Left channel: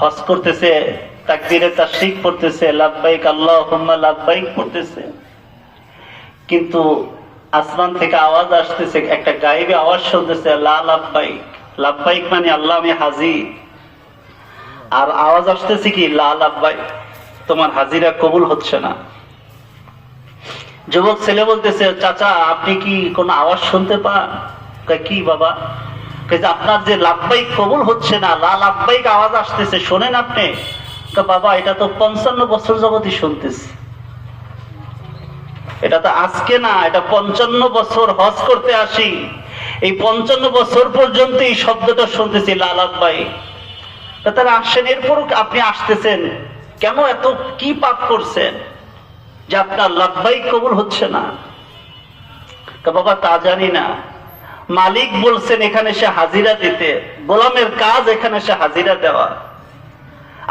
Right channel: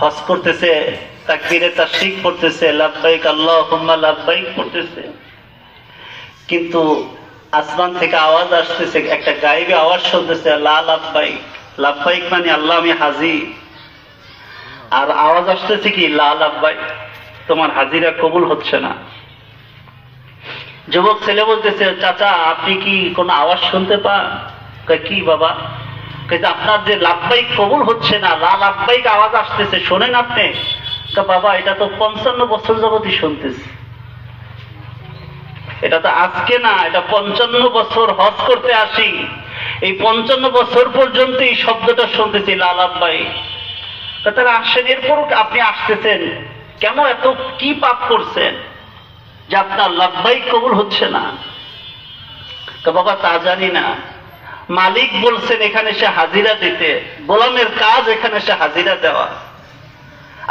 হজ করতেছে, তাকবীরে তাশরিক পড়তেছে, লাব্বাইক আল্লাহুম্মা লাব্বাইক পড়তেছে, কিন্তু আসমান থেকে আওয়াজ আসতেছে, একটা গায়েবী আওয়াজ শুনতেছে, লা লাব্বাইক। লাব্বাইক মানে আল্লাহ আমি হাজির, আর আওয়াজ আসতেছে কি লা লাব্বাইক, তোমার হাজিরা কবুল হচ্ছে না। যুবক ছেলে বলতেছে, চাচা আপনি কি কোনো আওয়াজ শুনতে পান? কি বাবা? আপনার যে লাব্বাইক কবুল হচ্ছে না, লা লাব্বাইক আওয়াজ আসতেছে, শোনেন আপনি? বাবা এটা তো 55 বছর যাবতই শুনতেছি, এটা তো আজকে না, এটা 55 বছর হজ করতে আসি, এই 55 বছর পর্যন্ত এই শব্দটা শুনতেছি, লা লাব্বাইক। তারা আসেন, এরপর আপনি আসতেছেন কেন? এত কি পাপ করছেন যে আপনার লাব্বাইক কবুল হচ্ছে না? বাবা তা জানি না, মালিক বলছেন এখানে সে হাজিরা দিতে, গোলামের কাজ এখানে সে হাজিরা দেওয়া।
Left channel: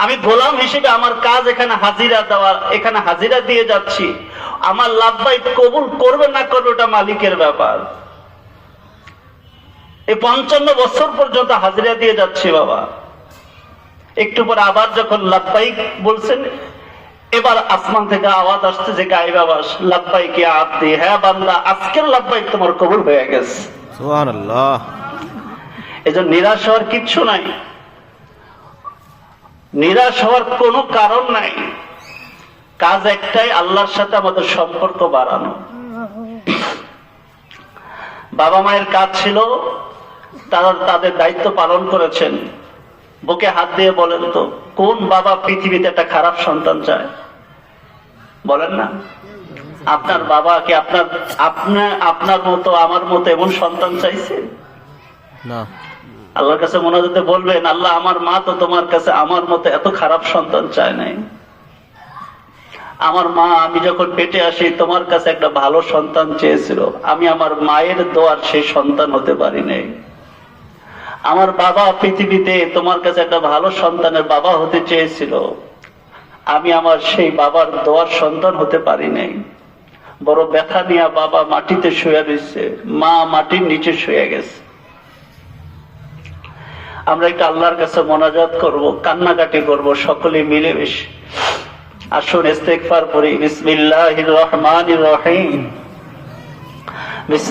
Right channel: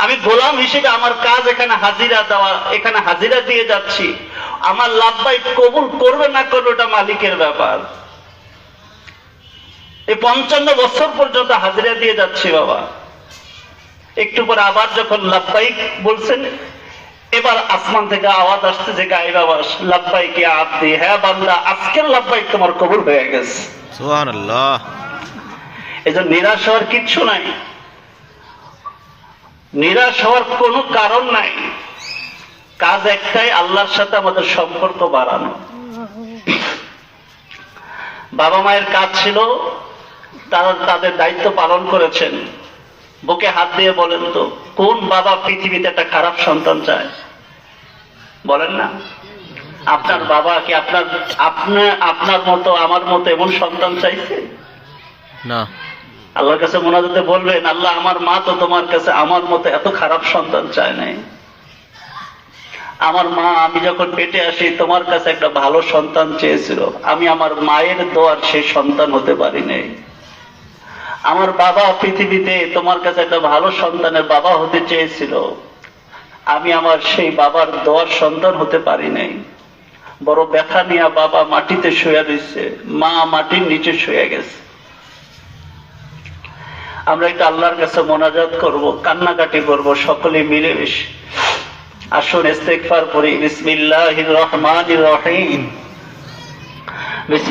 আমি গোলাম হিসেবে আমার কাজ এখানে হাজিরা দেওয়া, এখানে হাজিরা দিয়ে যাচ্ছি। আমার লাব্বাইক কবুল করবে না করবে ওটা মালিকের ব্যাপার। এই 55 বছর পর্যন্ত হাজিরা দিয়ে যাচ্ছি বাবা। একটু পরে আবার যখন লাব্বাইক বলছেন, এবার আসমান থেকে আওয়াজ আসছে, যে গায়েব আওয়াজ, লাব্বাইক ইয়া আব্দি, হ্যাঁ বান্দা আজকের লাব্বাইক তোমার কবুল হয়ে গেছে। সুবহানাল্লাহ। এজন্য নিরাশ হওয়ার কিচ্ছু নাই, নিরাশ হওয়ার কোনো কারণ নাই। কাজ একটাই, আল্লাহর সাথে আমাদের সম্পর্ক বাড়ানো। বাবা মায়ের কাজ ছিল, তারা তাদের দায়িত্ব পালন করেছেন। বুকে হাত দিয়ে বলেন তো, কোন বাবা পৃথিবীতে একটা খারাপ সন্তান চায়? বলেন না। আপনার বাবা কি আপনার মতো আমার মতো এমন সন্তান চাইছে? না। আল্লাহর কাছে মোনাজাতে বলবেন, আল্লাহ আমার মা তো তোমার কাছে আমার মতো এত খারাপ সন্তান চায় নাই। আমার মা আমি যখন পেটে আসি তোমার কাছে একটা ভালো সন্তান চেয়েছিল, আমি আমার মায়ের দোয়ার সেই সন্তান হতে পারি নাই। আমার বাবা পৃথিবীতে তোমার কাছে একটা ভালো সন্তানের বাবা হতে চেয়েছিল, আমি আমার সেই বাবার দোয়ার সন্তান হতে পারি নাই। বড় ব্যথা নিয়ে বাবা মাটিতে শুয়ে রয়েছে, মা মাটির নিচে শুয়ে গেছে। আমরা একটু আল্লাহর কাছে মোনাজাত করব, কান্নাকাটি করব, সকলে মিলেমিশে। আসুন ইস্তেগফার করি। বিসমিল্লাহির রহমানির রহিম।